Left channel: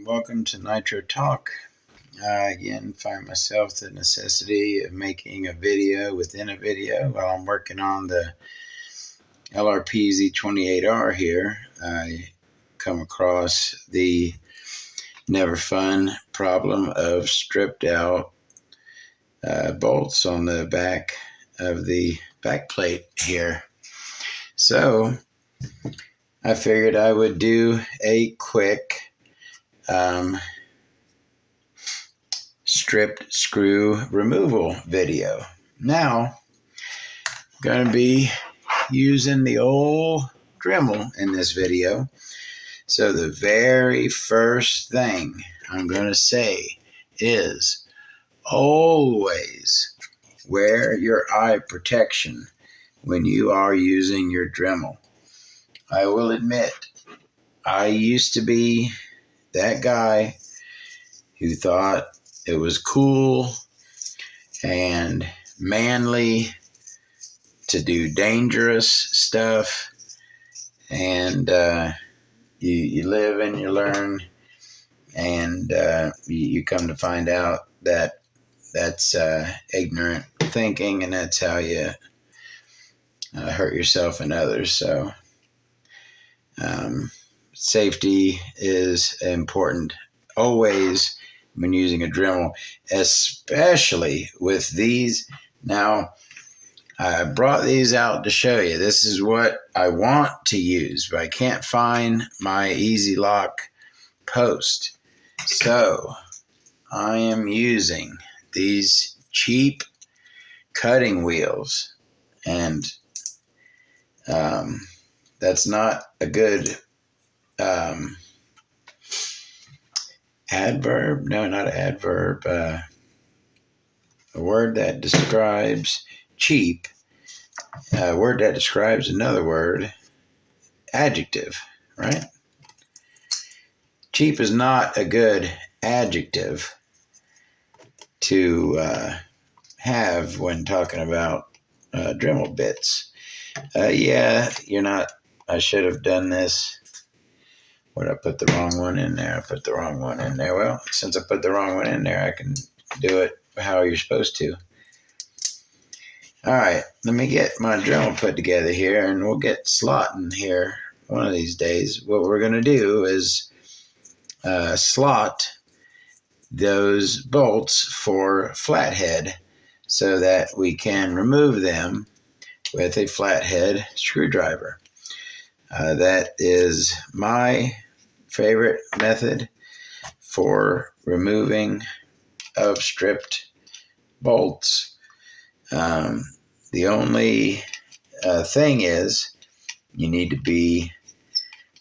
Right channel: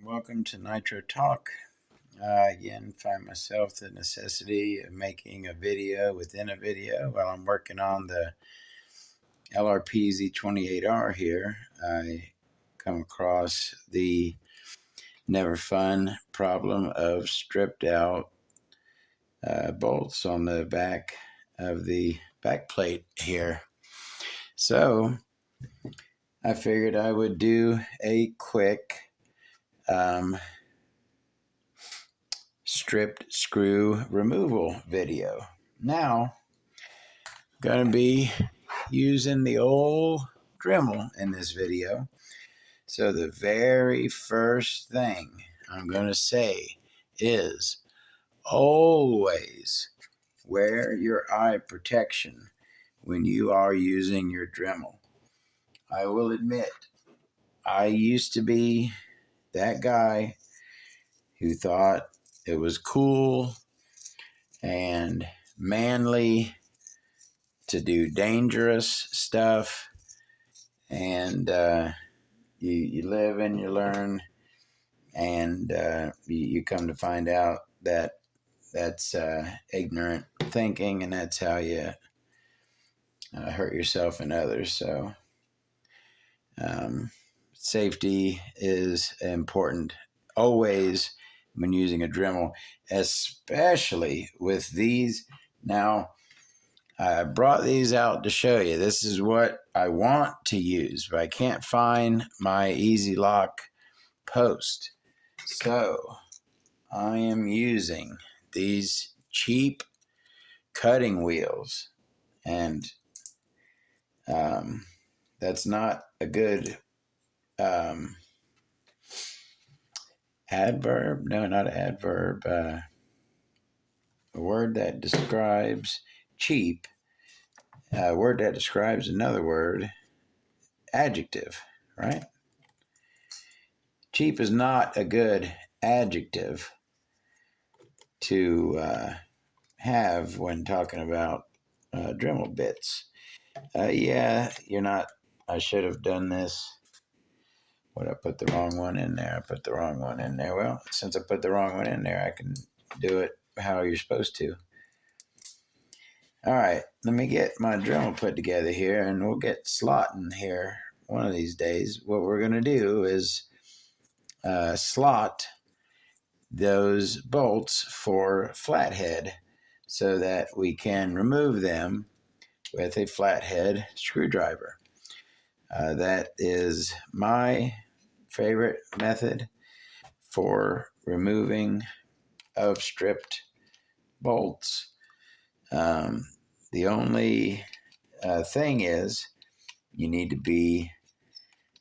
Welcome to Nitro Talk. Again, find myself the necessity of making a video within a video while I'm working on the LRP Z28R here. I come across the never fun problem of stripped out bolts on the back of the back plate here. So I figured I would do a quick stripped screw removal video. Now, I'm going to be using the old Dremel in this video. So the very first thing I'm going to say is always wear your eye protection when you are using your Dremel. I will admit, I used to be that guy who thought it was cool and manly to do dangerous stuff, and you live and you learn, and you come to find out that that's ignorant thinking, and that's how you hurt yourself and others. So safety is important always when using a Dremel, especially with these. Now, I brought these out to show you. This is what I want to use, but I can't find my Easy Lock post. So I am using these cheap cutting wheels, and that's not a good adverb. No, not an adverb. A word that describes cheap. A word that describes another word. Adjective, right? Cheap is not a good adjective to have when talking about Dremel bits. Yeah, you're not. I should have done this. What, I put the wrong one in there? I put the wrong one in there. Well, since I put the wrong one in there, I can do it how you're supposed to. All right, let me get my Dremel put together here, and we'll get slotting here one of these days. What we're going to do is slot those bolts for flathead so that we can remove them with a flathead screwdriver. That is my favorite method for removing of stripped bolts. The only thing is you need to be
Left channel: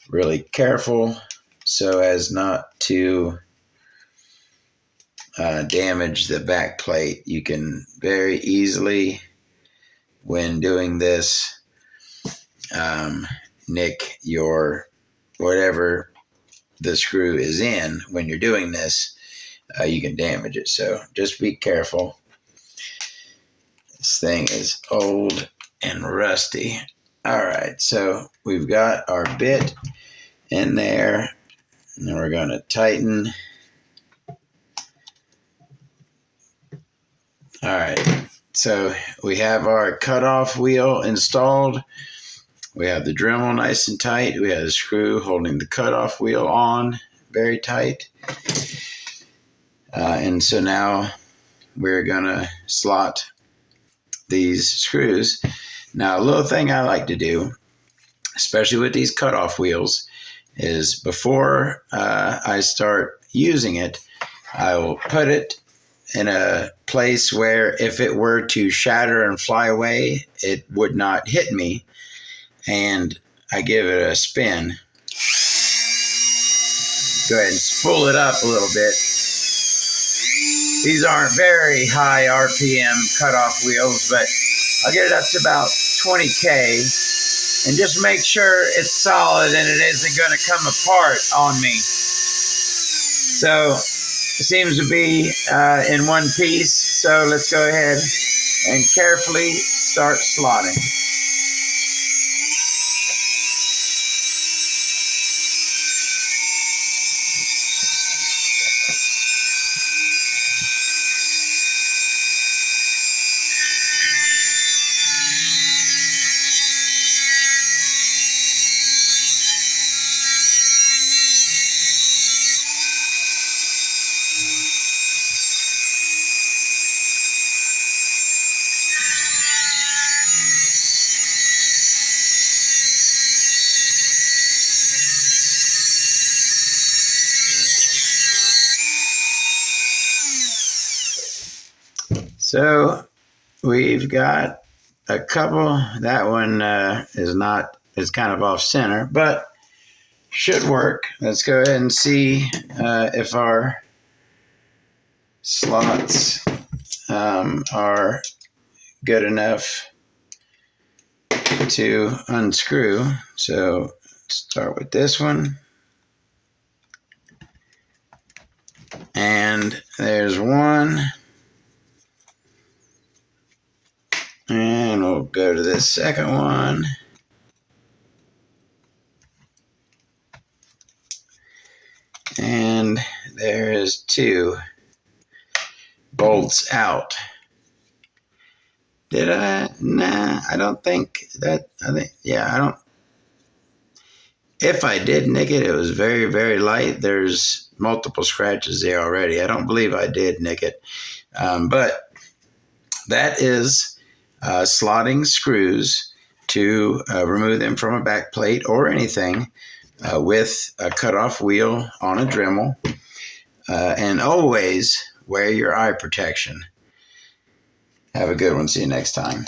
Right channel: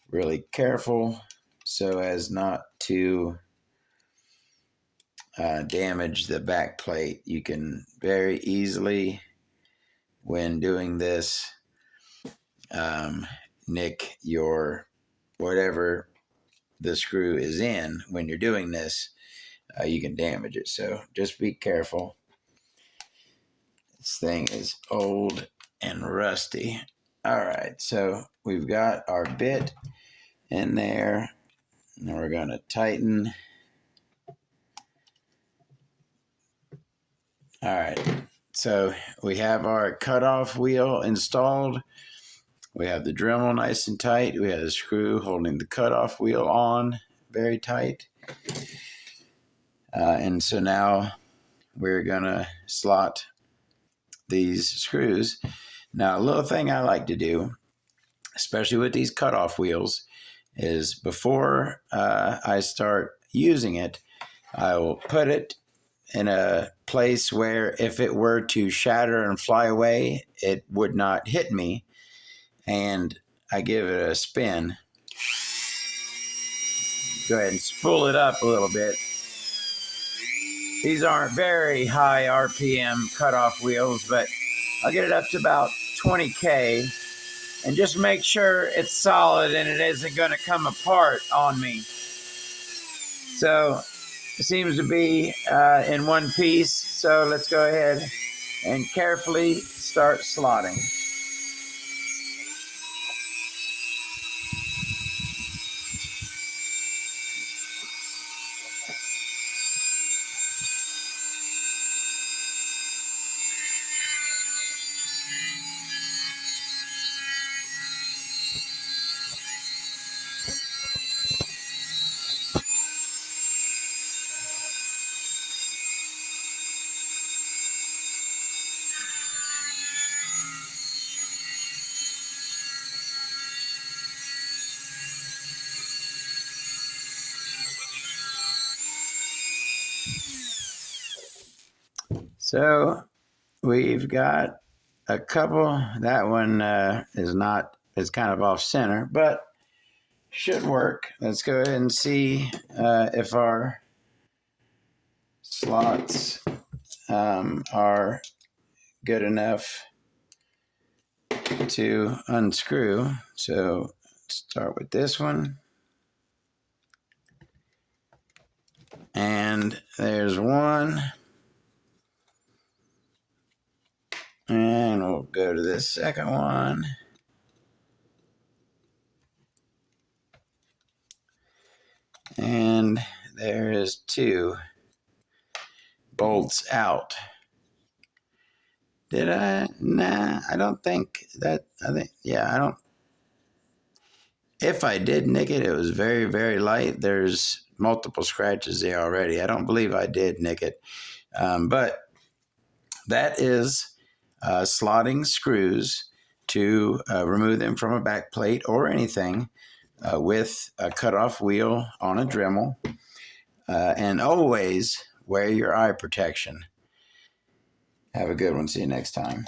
really careful so as not to damage the back plate. You can very easily, when doing this, nick your whatever the screw is in. When you're doing this, you can damage it. So just be careful. This thing is old and rusty. All right, so we've got our bit in there, and we're going to tighten. All right, so we have our cutoff wheel installed. We have the Dremel nice and tight. We have the screw holding the cutoff wheel on very tight. And so now we're going to slot these screws. Now, a little thing I like to do, especially with these cutoff wheels, is before I start using it, I will put it in a place where if it were to shatter and fly away, it would not hit me. And I give it a spin. Go ahead and spool it up a little bit. These aren't very high RPM cutoff wheels, but I'll get it up to about 20K, and just make sure it's solid and it isn't going to come apart on me. So it seems to be in one piece. So let's go ahead and carefully start slotting. So we've got a couple. That one is kind of off center, but should work. Let's go ahead and see if our slots are good enough to unscrew. So start with this one. And there's one. And we'll go to this second one. And there is two bolts out. Did I? Nah, I don't think that. I don't. If I did nick it, it was very, very light. There's multiple scratches there already. I don't believe I did nick it. But that is slotting screws to remove them from a back plate or anything with a cutoff wheel on a Dremel. And always wear your eye protection. Have a good one. See you next time.